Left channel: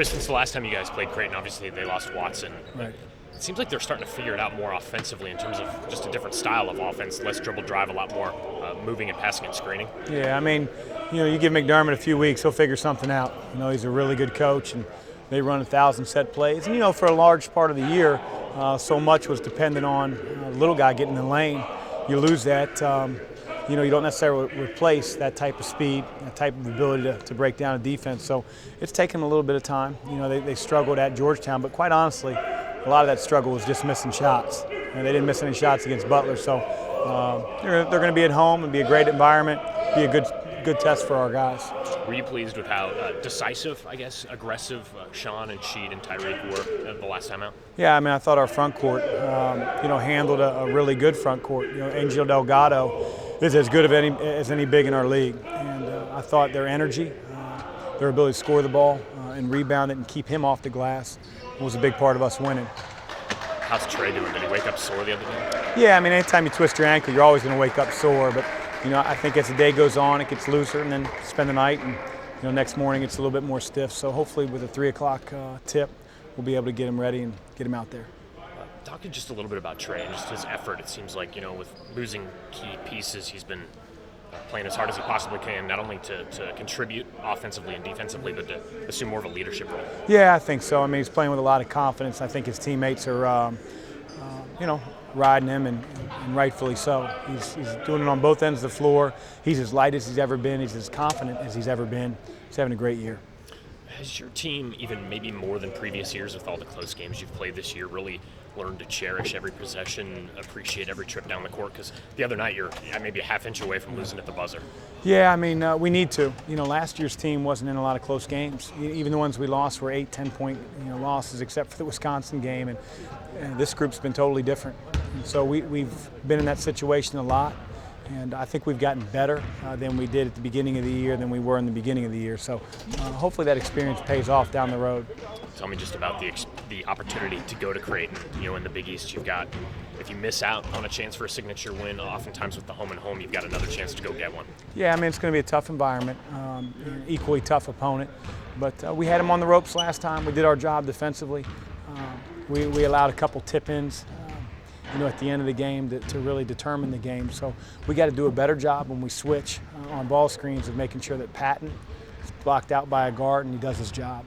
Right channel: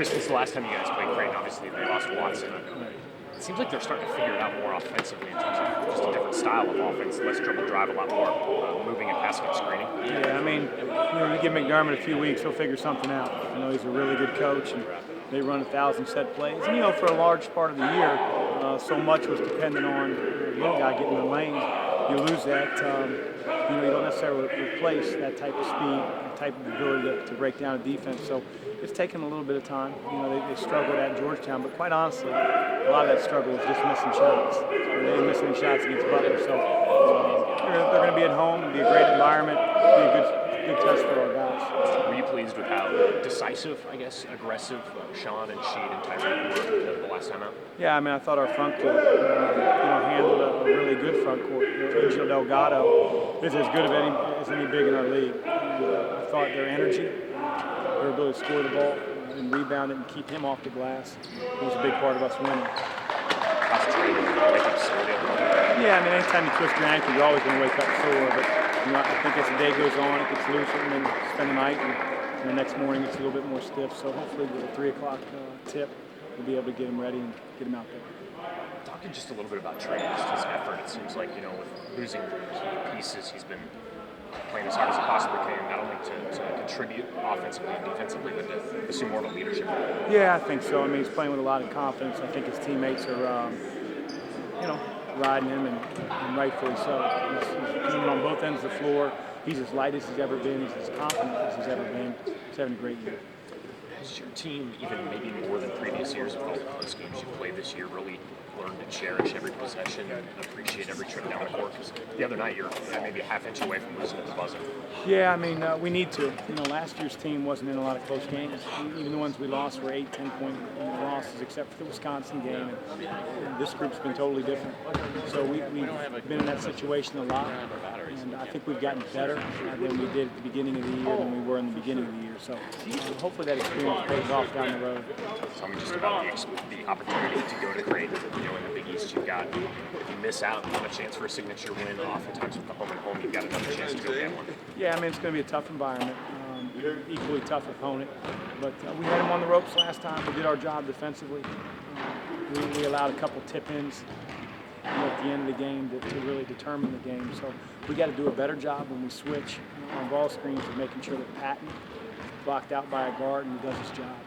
Chris, since the last time you guys played Creighton, obviously they lost Watson. Right. It seems like they're starting to figure it out more offensively in terms of just a different style of offense, less dribble drive, a lot more moving and passing and screening. Yeah, I mean, you give McDermott a few weeks, he'll figure something out. He's a really good coach, and they run 1,000 set plays. And for a large part of the year, so much was dependent on the little guy getting in the lane. You lose that. You don't necessarily replace that type of speed, that type of ability to break down a defense. So it's taken them a little bit of time. They struggled at Georgetown, but quite honestly, a lot of that struggle was just missing shots. They didn't miss any shots against Butler, so they're going to be at home. It'll be a great environment, be a good test for our guys. Were you pleased with how decisive, I guess, aggressive Sean and Sheed and Tyreek were the last time out? Yeah, I thought our front court, handled a really good front court. Angel Delgado is as good as any big in our league, and I thought their energy, their ability to score the ball and rebound it and keep him off the glass was a big part of us winning. How's training? Did you wake up sore the other day? Yeah, anytime you twist your ankle, you're always going to wake up sore, but I think as the day goes on, it gets looser, and then spend the night, and next morning it's a little bit more stiff. So hopefully with a 3 o'clock tip, we'll be able to get him ready and get him out there. Talking just a little bit about Trey, just his effort. It seems like with losing key pieces, he's been playing as hard as he possibly can, not only to contribute offensively and defensively, but to assume more of a leadership role. Yeah, I think so. He's playing with a lot of confidence. I think his teammates are, riding him, and rightfully so. He's doing it on both ends of the floor. He's as light as he's ever been. He's as confident as he's ever been. He's having a great year. Has your team, even maybe more than previous years with all the close games you've played this year, really learned to cherish every possession and appreciate every trip down the court? Because the other night you're maybe a half inch away from losing at the buzzer. Yeah, we need to. Last year's team wasn't in a lot of close games. Even the ones we lost were 8, 10-point losses, except for the Wisconsin game. And this group's been totally different. So we've been in that situation a lot. And I think we've gotten better than we did at the beginning of the year than we were in the beginning of the year. So hopefully that experience pays off down the road. Tell me just about the opportunity to go to Creighton. In the Big East, you've got, if you miss out on a chance for a signature win, oftentimes with the home and home, you've got another chance to go get one. Yeah, it's going to be a tough environment, equally tough opponent. But we had them on the ropes last time. We did our job defensively. We allowed a couple tip-ins. At the end of the game to really determine the game. So we got to do a better job when we switch on ball screens of making sure that Patton is blocked out by a guard and he does his job.